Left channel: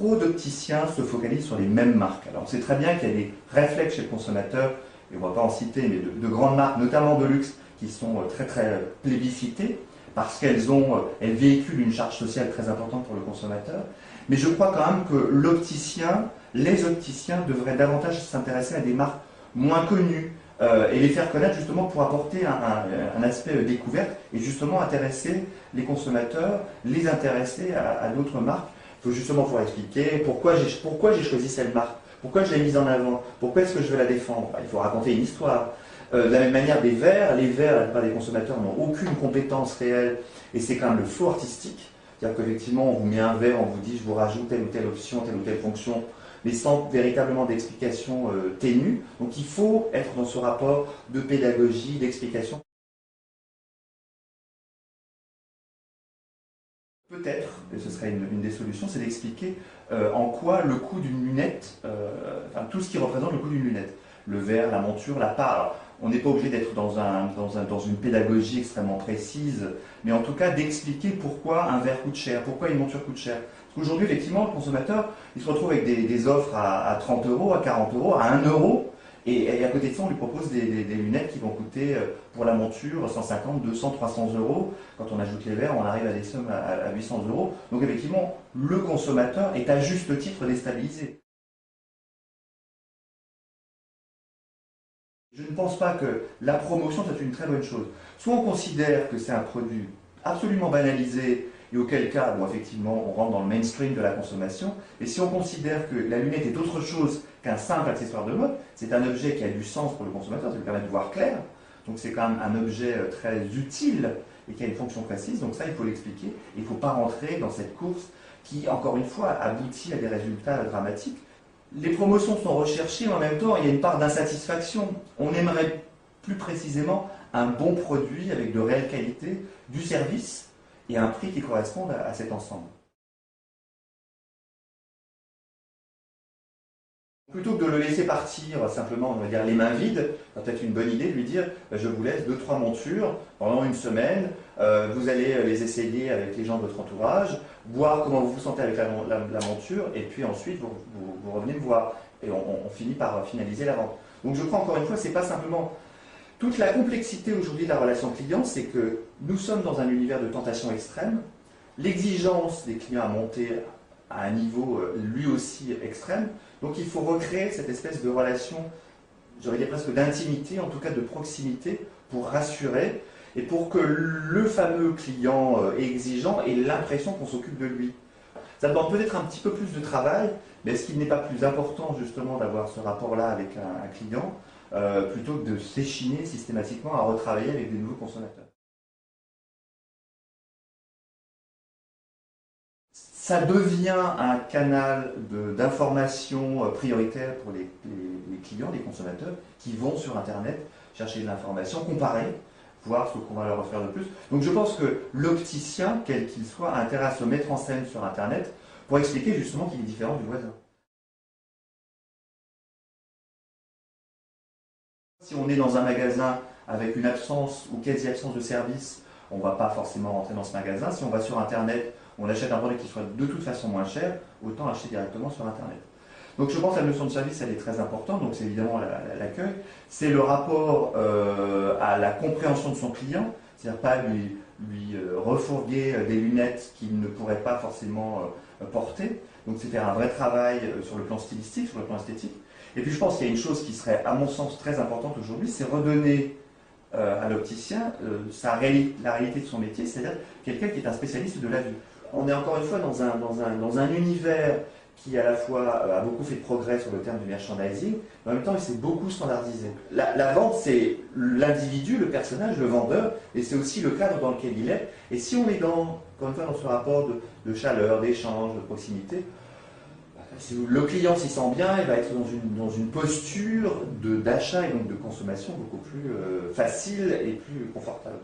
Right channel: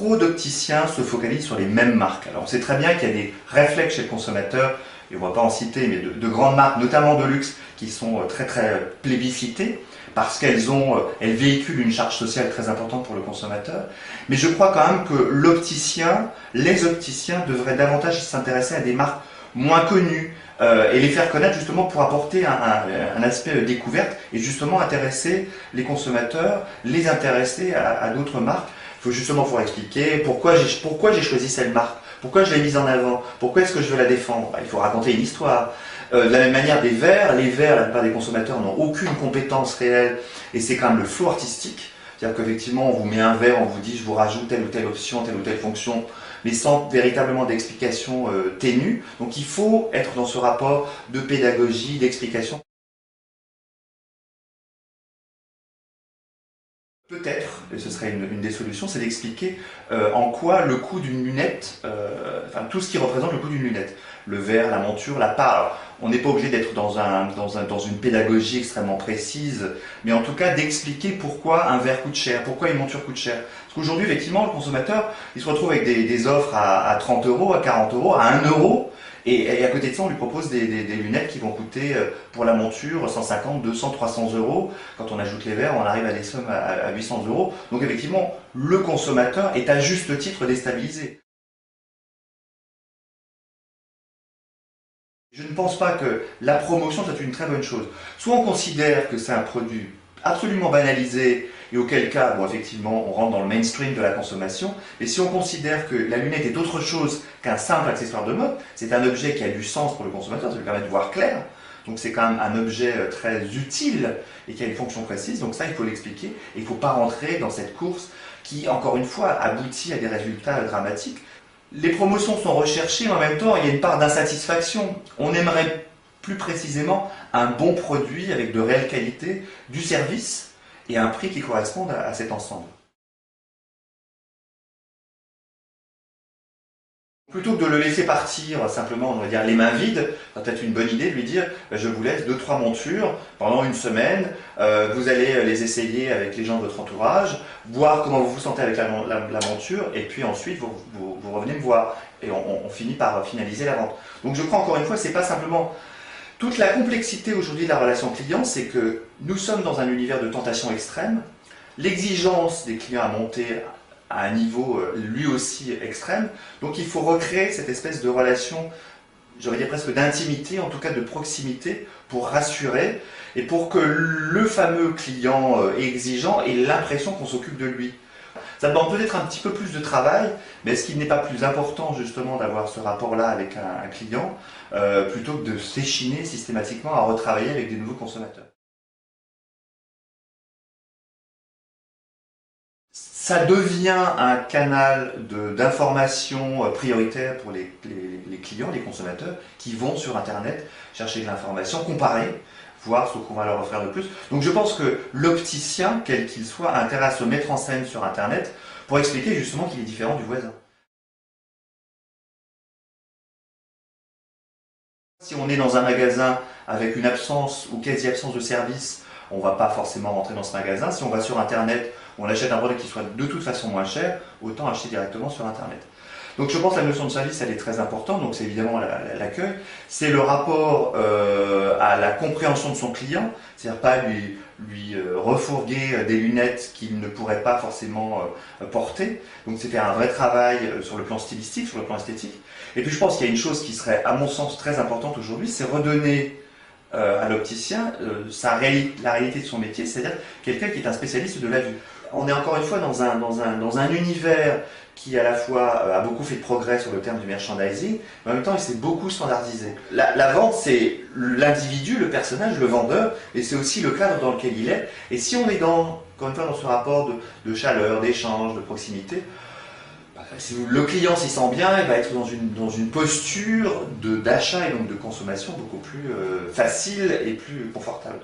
trop d'opticiens se focalisent sur les mêmes marques. Alors on sait très bien qu'il y a des réflexes chez le consommateur, et on ne va pas en citer, mais de grandes marques, notamment de luxe, qui sont très plébiscitées, parce elles véhiculent une charge sociale très importante pour le consommateur. Mais je crois quand même que les opticiens devraient davantage s'intéresser à des marques moins connues, et les faire connaître justement pour apporter un aspect découverte et justement intéresser les consommateurs, les intéresser à d'autres marques. Il faut justement pouvoir expliquer pourquoi j'ai choisi cette marque, pourquoi je l'ai mise en avant, pourquoi est-ce que je veux la défendre. Il faut raconter une histoire. De la même manière, les verres, la plupart des consommateurs n'ont aucune compétence réelle et c'est quand même le flow artistique. C'est-à-dire qu'effectivement, on vous met un verre, on vous dit je vous rajoute telle ou telle option, telle ou telle fonction, mais sans véritablement d'explication ténue. Donc il faut être dans ce rapport de pédagogie, d'explication. Peut-être, et ce serait une des solutions, c'est d'expliquer en quoi le coût d'une lunette, enfin tout ce qui représente le coût d'une lunette, le verre, la monture, la part. Alors, on n'est pas obligé d'être dans une pédagogie extrêmement précise, mais en tout cas d'expliquer pourquoi un verre coûte cher, pourquoi une monture coûte cher. Parce qu'aujourd'hui, effectivement, le consommateur, il se retrouve avec des offres à 30 euros, à 40 euros, à 1 euro. Et à côté de ça, on lui propose des lunettes qui vont coûter pour la monture 150, 200, 300 euros. Quand on ajoute les verres, on arrive à des sommes à 800 euros. Donc effectivement, le consommateur est à juste titre déstabilisé. Je ne pense pas que la promotion soit une très bonne chose. Soit on considère que c'est un produit absolument banalisé et auquel cas, bon, effectivement, on rentre dans le mainstream de la consommation. Et si on considère que la lunette est autre chose qu'un simple accessoire de mode, c'est un objet qui a du sens pour le consommateur, ça lui permet de voir clair. Donc c'est quand même un objet très utile et qui a une fonction précise. Donc ça, il faut l'expliquer. Et il ne faut pas rentrer dans cette course qui, encore une fois, aboutit à des résultats dramatiques. Les promotions sont recherchées, mais en même temps, il y a une part d'insatisfaction. On aimerait plus précisément un bon produit avec de réelle qualité, du service et un prix qui corresponde à cet ensemble. Plutôt que de le laisser partir simplement, on va dire, les mains vides, ça peut être une bonne idée de lui dire je vous laisse 2-3 montures pendant une semaine, vous allez les essayer avec les gens de votre entourage, voir comment vous vous sentez avec la monture, et puis ensuite vous revenez me voir. Et on finit par finaliser la vente. Donc je crois encore une fois, c'est pas simplement. Toute la complexité aujourd'hui de la relation client, c'est que nous sommes dans un univers de tentation extrême, l'exigence des clients à monter à un niveau lui aussi extrême. Donc il faut recréer cette espèce de relation, j'aurais dire presque d'intimité, en tout cas de proximité, pour rassurer et pour que le fameux client exigeant ait l'impression qu'on s'occupe de lui. Ça demande peut-être un petit peu plus de travail, mais est-ce qu'il n'est pas plus important justement d'avoir ce rapport-là avec un client plutôt que de s'échiner systématiquement à retravailler avec des nouveaux consommateurs? Ça devient un canal d'information prioritaire pour les clients, les consommateurs, qui vont sur Internet chercher de l'information, comparer, voir ce qu'on va leur offrir de plus. Donc je pense que l'opticien, quel qu'il soit, a intérêt à se mettre en scène sur Internet pour expliquer justement qu'il est différent du voisin. Si on est dans un magasin avec une absence ou quasi-absence de service, on ne va pas forcément rentrer dans ce magasin. Si on va sur Internet, on achète un produit qui soit de toute façon moins cher, autant acheter directement sur Internet. Donc je pense que la notion de service, elle est très importante, donc c'est évidemment l'accueil. C'est le rapport à la compréhension de son client, c'est-à-dire pas lui refourguer des lunettes qu'il ne pourrait pas forcément porter. Donc c'est faire un vrai travail sur le plan stylistique, sur le plan esthétique. Et puis je pense qu'il y a une chose qui serait, à mon sens, très importante aujourd'hui, c'est redonner à l'opticien la réalité de son métier, c'est-à-dire quelqu'un qui est un spécialiste de la vue. On est encore une fois dans un univers qui à la fois a beaucoup fait de progrès sur le terme du merchandising, mais en même temps il s'est beaucoup standardisé. La vente, c'est l'individu, le personnage, le vendeur, et c'est aussi le cadre dans lequel il est. Et si on est encore une fois dans ce rapport de chaleur, d'échange, de proximité, si le client s'y sent bien, il va être dans une posture d'achat et donc de consommation beaucoup plus facile et plus confortable.